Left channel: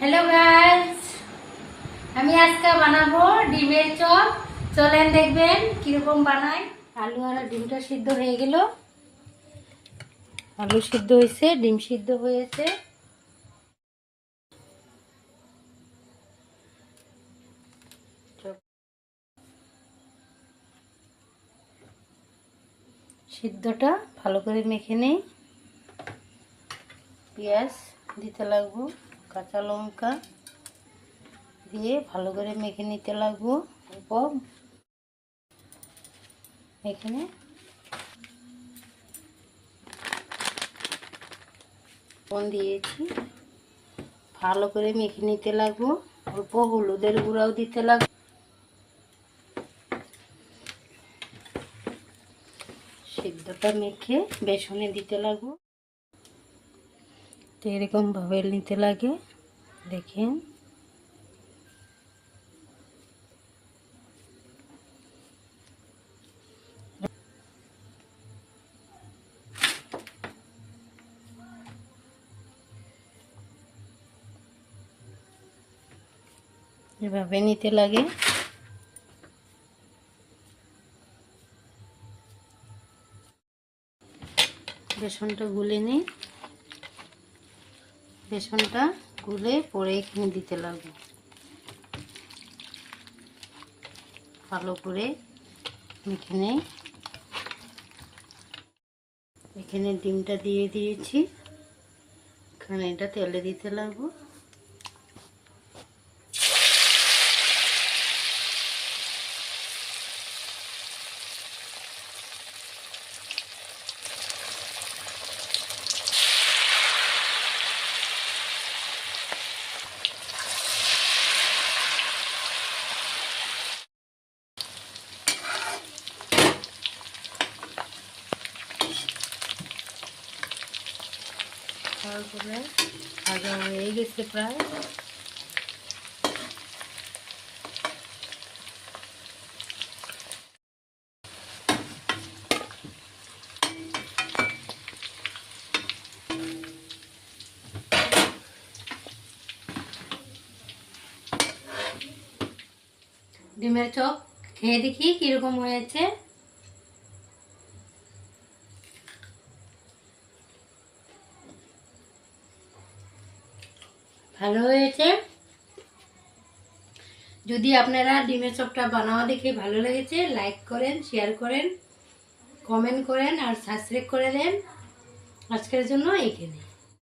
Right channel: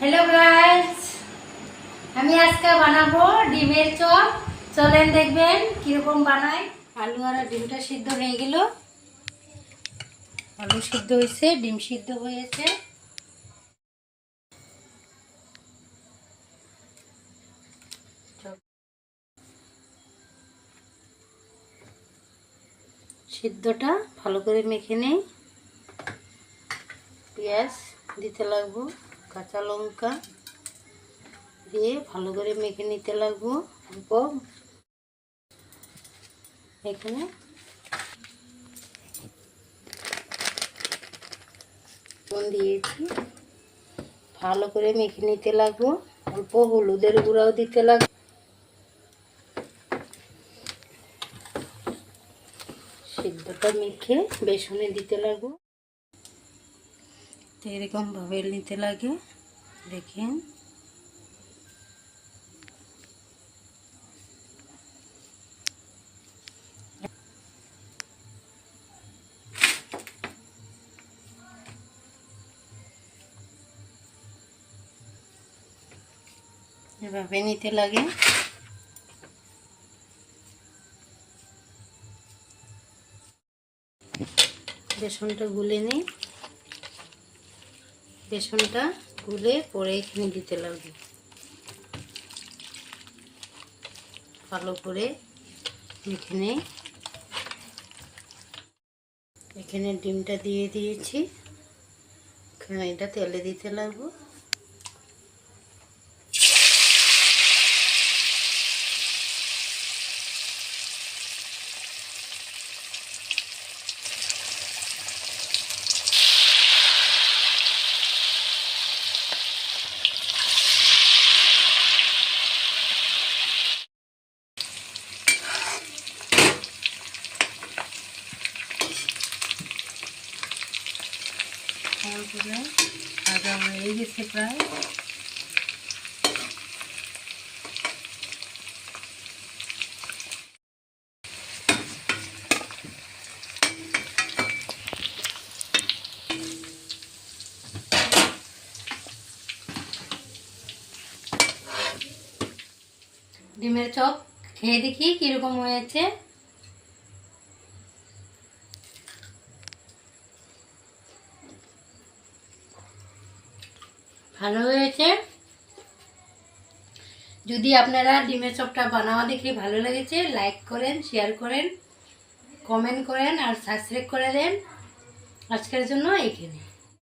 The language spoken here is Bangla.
हेलो गाइस আমি আজকে বানাবো ডিমের চপ। চলেন দেখবেন কিরকম বানাই। আলু আর ডিমটা সিদ্ধ হয়ে গেল। আলু সিদ্ধ হয়েছে, ডিম সিদ্ধ হয়েছে। সিদ্ধটা ভালো করে মেখে নেই। পেঁয়াজ দিতে লাগবো, কাঁচা লঙ্কা দিয়ে ভালো করে মেখে নিতে লাগবো। অল্প এখানে লবণ দিয়েছি, ভালো করে মেখে নিতে লাগবো। অল্প হলুদের গুঁড়াও দিতে লাগবে। সিদ্ধটা মেখে বেসনে দিতে লাগবো। তো এরকম ভাবে নিতে লাগে, দেখেন। এভাবে নিতে লাগে। বেসনটা গুলে নিই। বেসনটা গুলে পরে এখানে দিতে লাগবে। ভালো করে এখানে ডিমটা দিয়ে দিয়েছি। এখানে এটা তেলে দিতে লাগবো। ভাজা হয়ে গেছে প্রায়। ডিমের চপ খেয়ে দেখি কিরকম হয়েছে। ভালো হয়েছে। যদি আপনারা ডিমের চপটা বানাওয়া দেখে ভালো লেগেছে, লাইক করেন, শেয়ার করেন, কমেন্ট করেন আর সাবস্ক্রাইব করে দেন। আজকের জন্য এইখানে।